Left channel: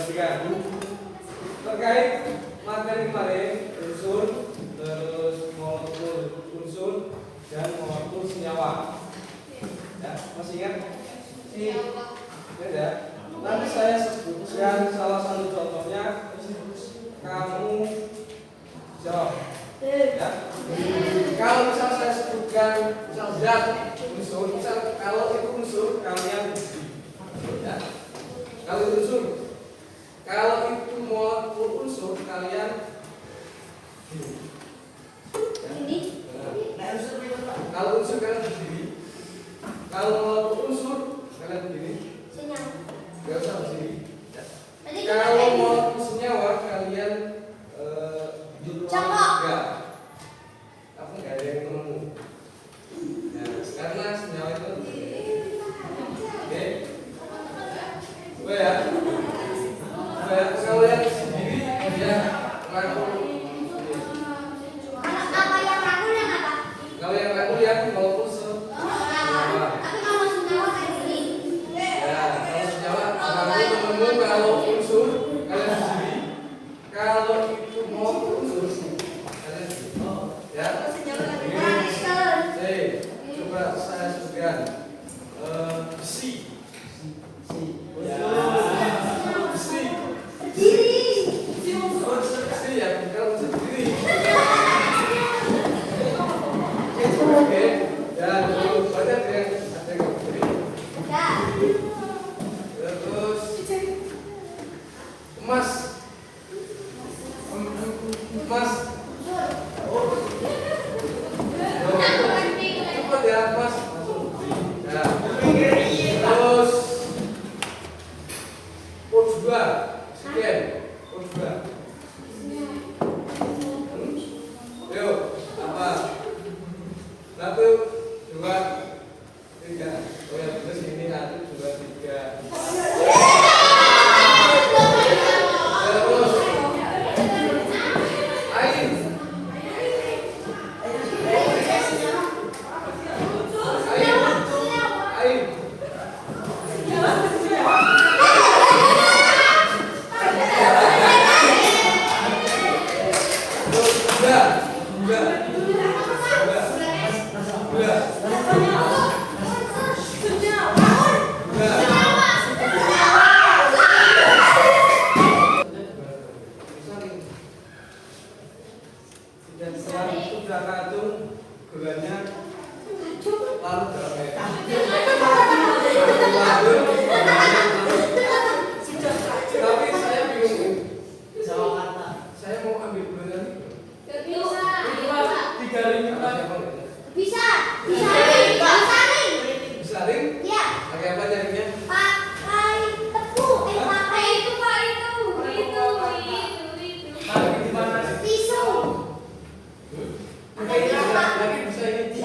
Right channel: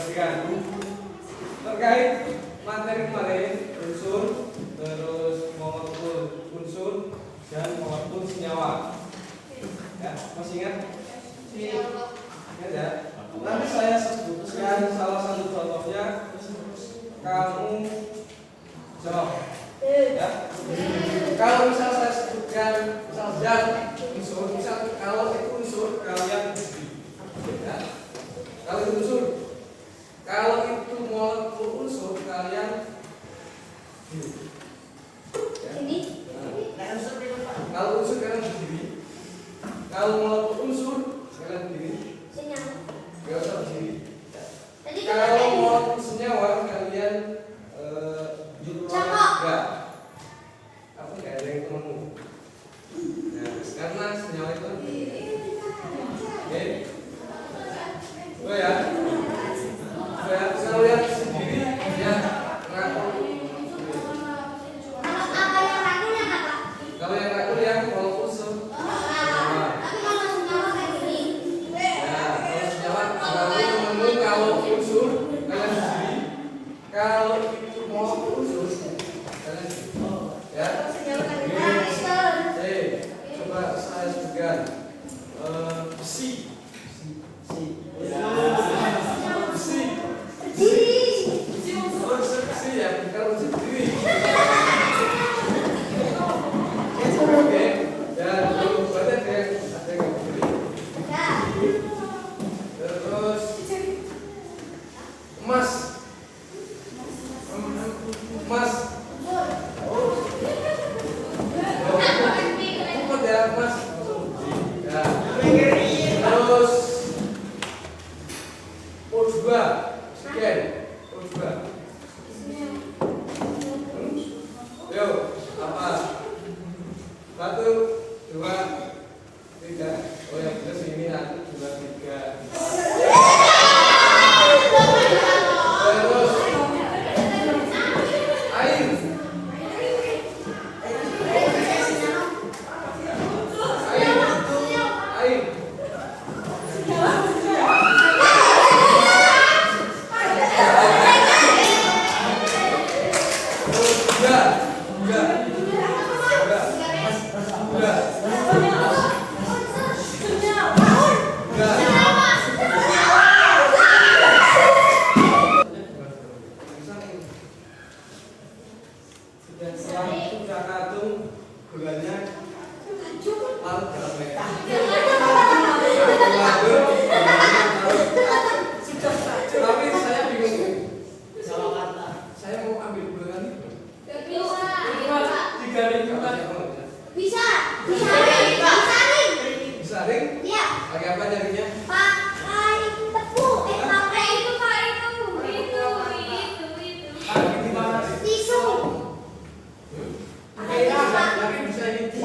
Perhatikan terkait materi kemarin unsur, terus molekul unsur dan molekul senyawa. Ya, masih ingat? Ya. Nanti saya sebutkan salah satu contohnya, kamu jawab. Ya. Kalau misal saya sebutkan misal zat unsur, misal kalau itu unsur kalian ya. Kalau itu unsur, kalau itu molekul unsur kalian ya. Kalau unsur kalian berdiri, kalau molekul unsur kalian berdiri. Gak usah berdiri. Ya. Kalau molekul senyawa kalian ya. Apa nggak ada yang temenmu? Nah, karena senyawa itu oke. Oh ya. Kalau yang sendiri dia rangkul. Kalau yang rangkul yang molekul senyawa. Ya, kalau senyawa rangkul temenmu, kalau unsur kalian sendiri. Kalau itu molekul unsur kalian sendiri. Ya. Coba saya sebutkan besi. Dan setelah itu karena itu gulanya larut dalam air. Tapi saya bingung. Saya mau ambil gula ini. Tiga ring bisa ring? Iya. Pakai apa nyarinya? Pakai tepung. Pakai itu tisu. Lagi bisa ini.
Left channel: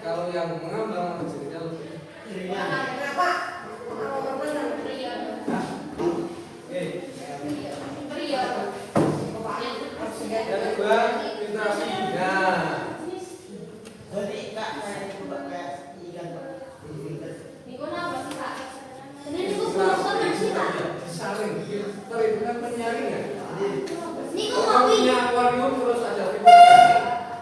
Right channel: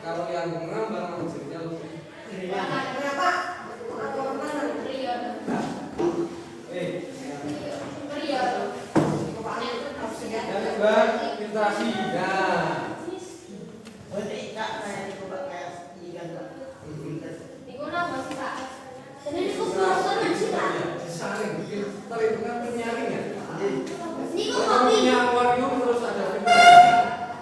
Kalau yang mengambang hasilnya lebih ringan. Dan coba filtrasi. Nah, saring perhitungan penyaring ya. Kalau punya akuarium terus ada filtrasi,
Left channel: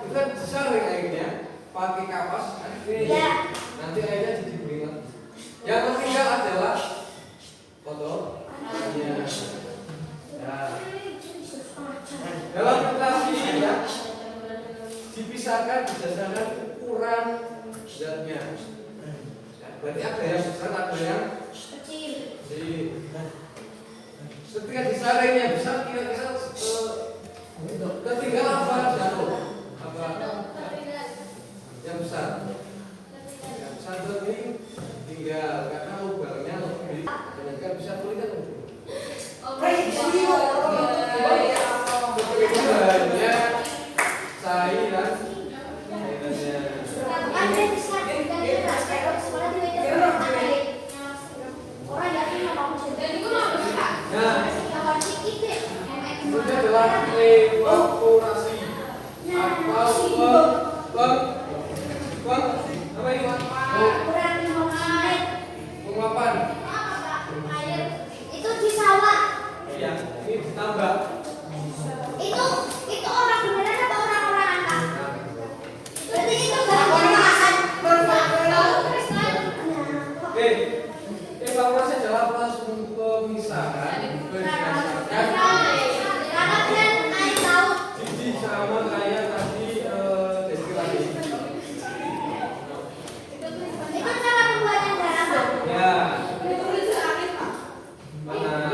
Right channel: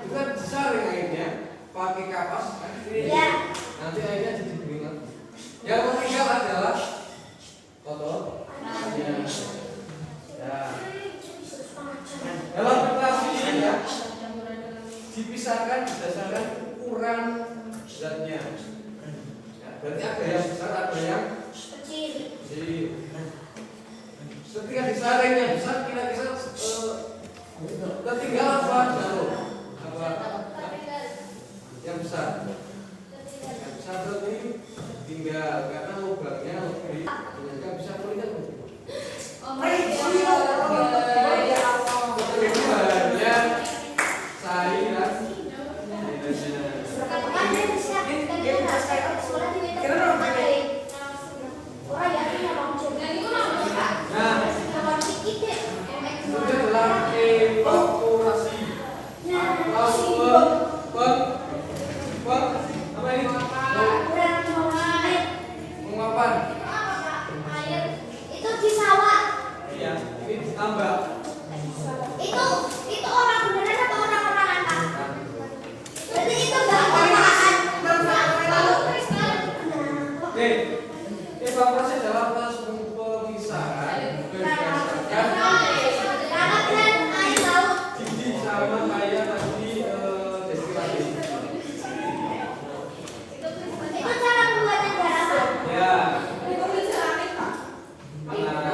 itu kan saring airnya. Pakai kapas kan ini nanti airnya didinginkan. Yang ketiga adalah kotor. Ya. Dalam filtrasi ya dipisahkan berdasarkan ukuran zatnya. Ya, berarti ada yang besar, ada yang kecil. Ketika disaring yang besar kira-kira ketinggalan apa? Jauh. Apa? Yang besar ini tinggal karena lubangnya lebih, bisa melihat. Oke, evaluasi adalah proses pemisahan berdasarkan gigi sama kayak tadi deskripsi. Itu cara pembuatan darah, Pak. Ya. Mana?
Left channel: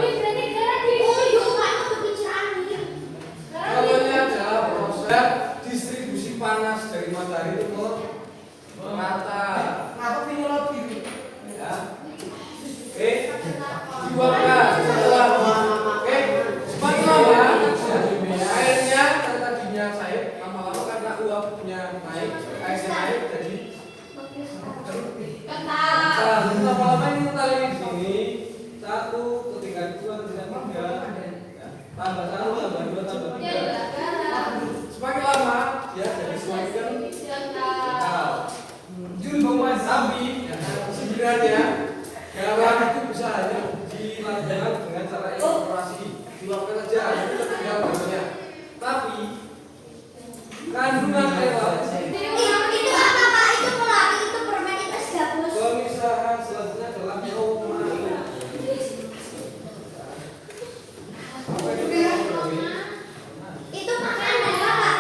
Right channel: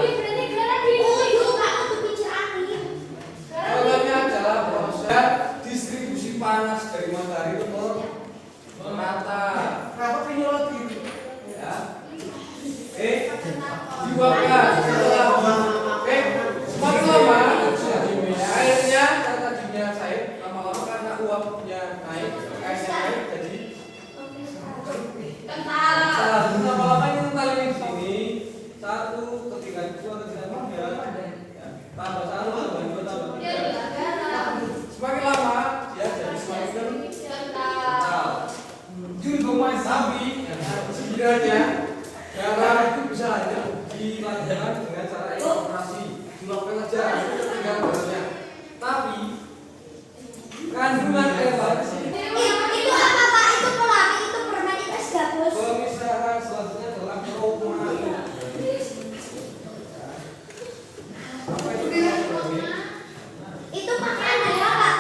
Awalnya adalah proses distribusi panas dari matahari itu merata. Ya. Dibuatkan setelah semakin lama airnya karena tadinya cair, lama-lama karena uapnya naik, airnya naik jadi lama-lama ini kental ini di sini 1, ketiga 2, ketiga 3, tambah 1, tambah 2, tambah 3. Semakin lama ya jadi semakin kental. Tapi sebenarnya darah itu bisa hanya dilakukan dengan cara evaporasi, dilakukan saja itu tinggal banyak. Tapi kandungan air laut Itu apa, Pak? Itu pelangi, itu permen, itu es gabus. pemisahan selanjutnya adalah aromasi. Apa itu aromasi? Itu pakaian darah, Pak.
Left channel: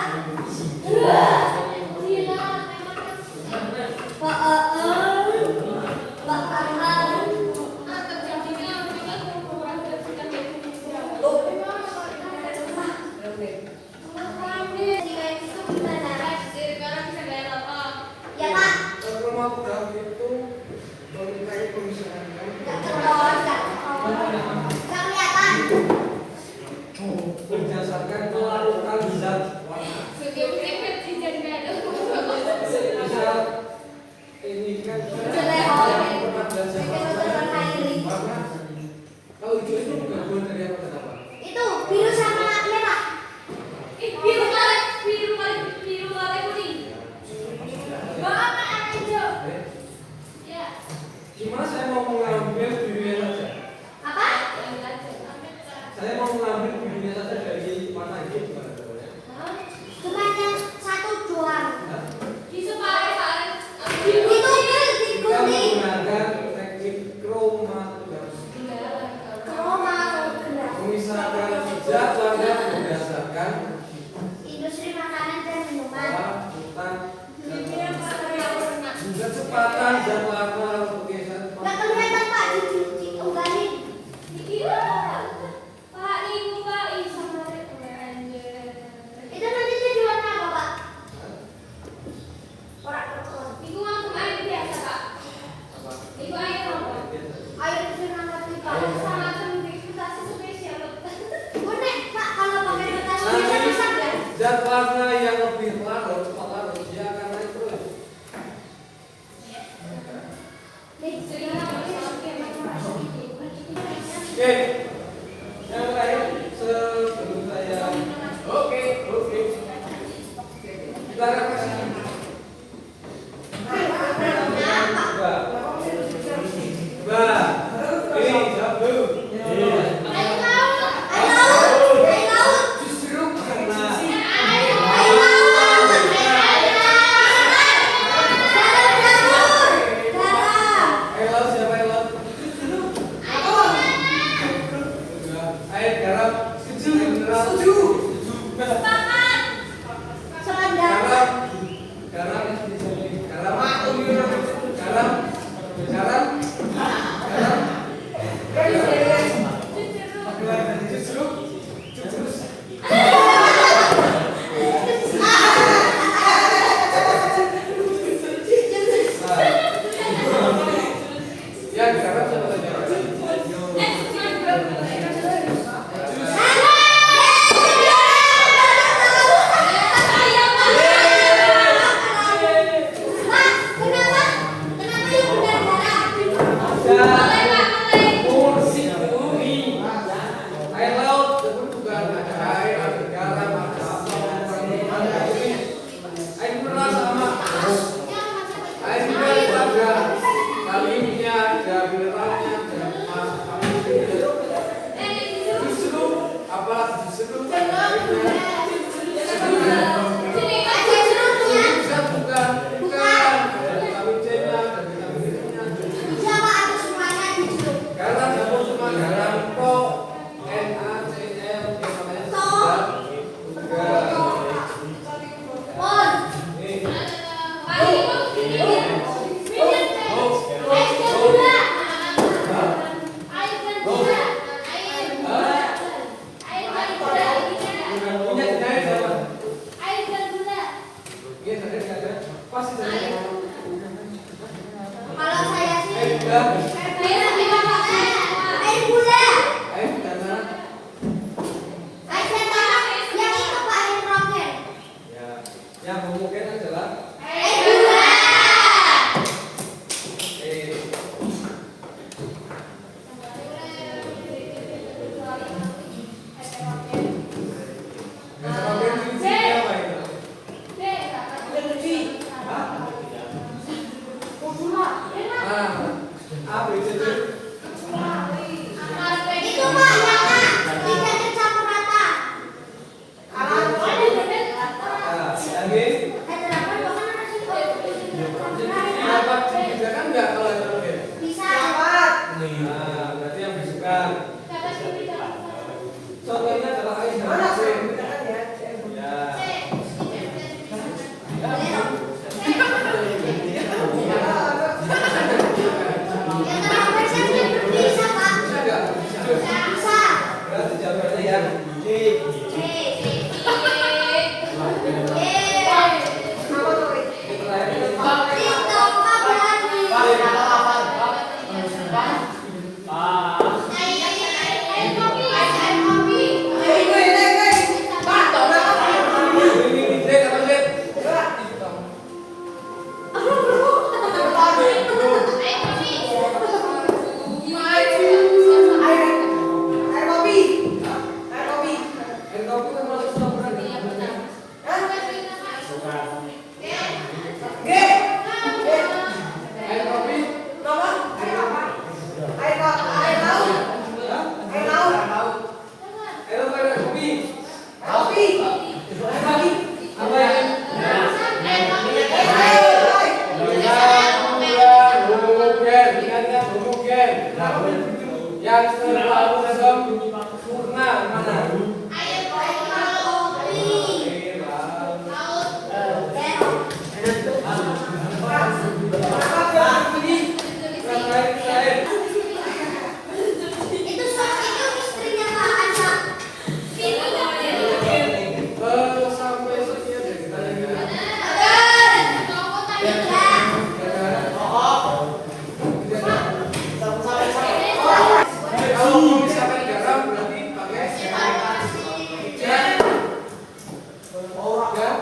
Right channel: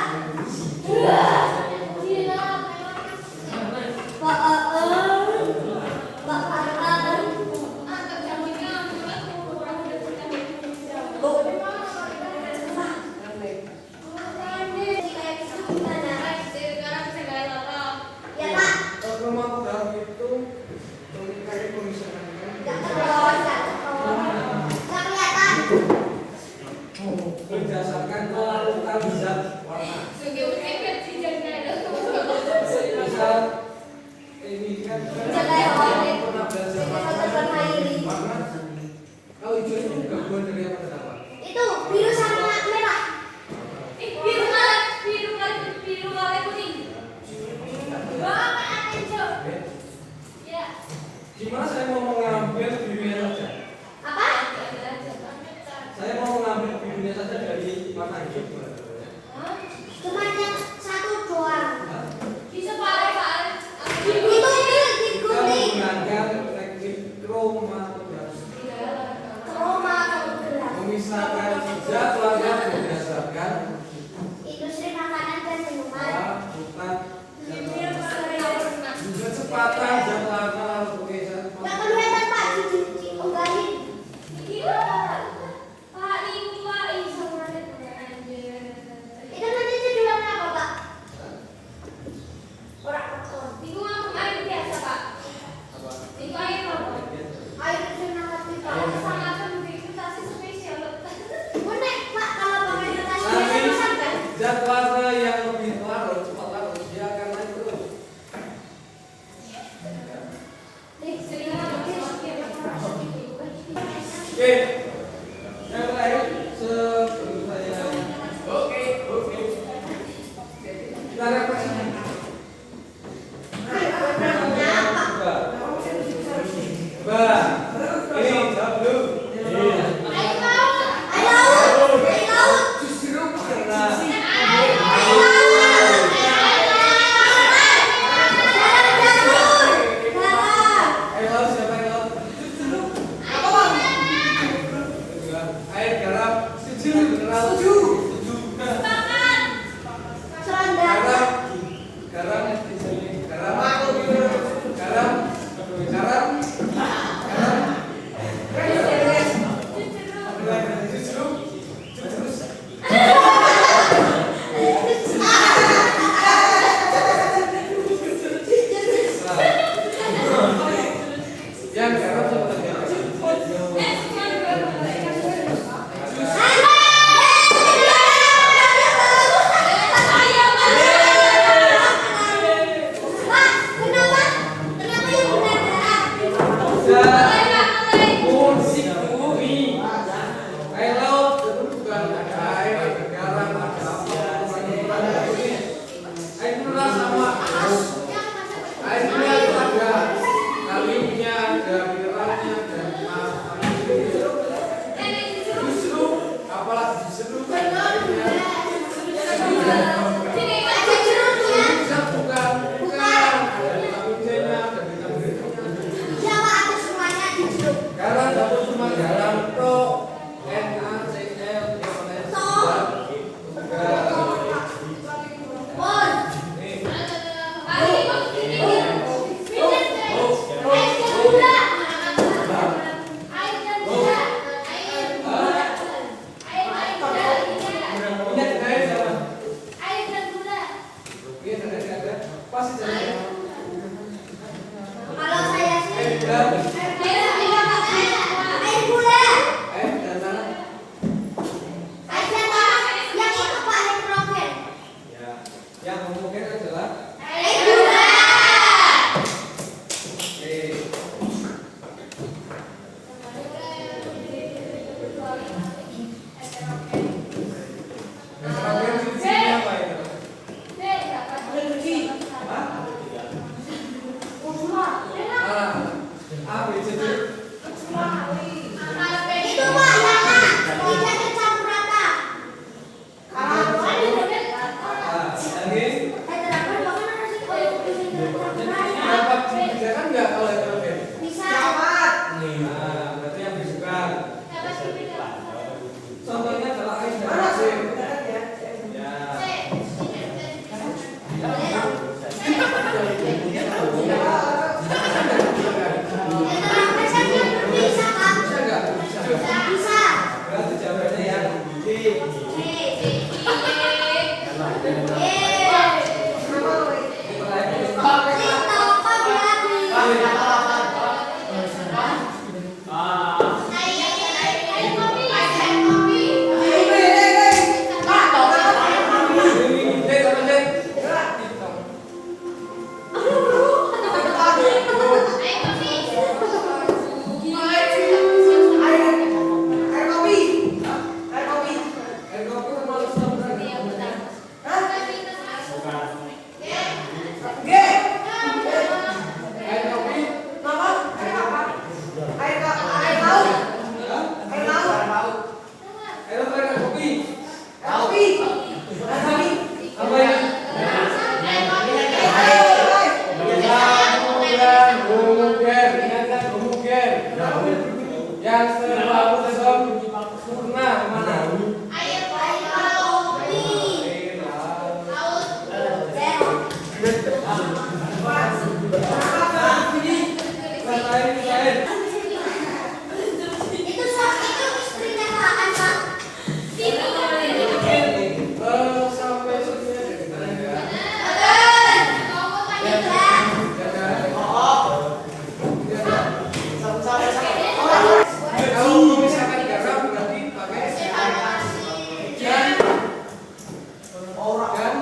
Ya, Pak. Kromatograf itu mengkaji pemisahan Nggak terlalu, nggak terlalu. Nggak kelihatan. berdasarkan kelarutan zat warna. Misal ini kan pernah belajar warna. Kalau hijau itu gabungan dari apa dan apa? Itu biru sama merah. Gimana saya mau mengambil birunya saja? Apa? Saya mau mengambil birunya saja dari mata hijau gimana? Cuma yang satu doang. Nah, Itu kita digunting. menggunakan teknik kromatograf. Kromatograf. Memisahkan zat warna berdasarkan Industri makanan dan minuman. larutan kecepatan zat warna lukisan. Nggak kelihatan, Pak. Diunggahin. Itu nanti jadi warna apa, Pak? Orang air firman kita. Unik, Pak. Kalau pakai kertas Nanti itu saja. zat warna yang lebih larut, cepat larut, dia akan naik terus. Oke, yang terakhir sebelum saya oke kita refleksi. Ini jawab dulu. Air laut. Justru karena air laut siapa air laut? Air garam mineral yang garam siapa lagi? Musik bumi. Air laut itu bukan ada air, ada garam, ada apa, ada bumi. Air mineral sama. Air mineral ada kaliumnya, ada mineralnya, ada justru apa justru airnya bukan ada vitamin C-nya, ada vitamin B-nya. Air gula. dan mana? Air datang. Yang itu Pak nitrogen. Ya, yang homogen adalah Air gula. Heterogen fungsinya apa itu? A, B, C, D. Itu Pak yang A. Tidak tercampur rata. Yang G. Dapat dibedakan nggak kalau heterogen? Bisa. Nah, berarti yang disukai. Contohnya adalah air dan asin. Ya. Bisa Pak. Bisa nggak? Bisa. Berarti jawabannya yang D. Yang sebelum sempurna mana? Air laut. Itu istrinya Pak Ansa. Sampai sini aja kita lihat. Kalau memisahkan garam berarti pakai dan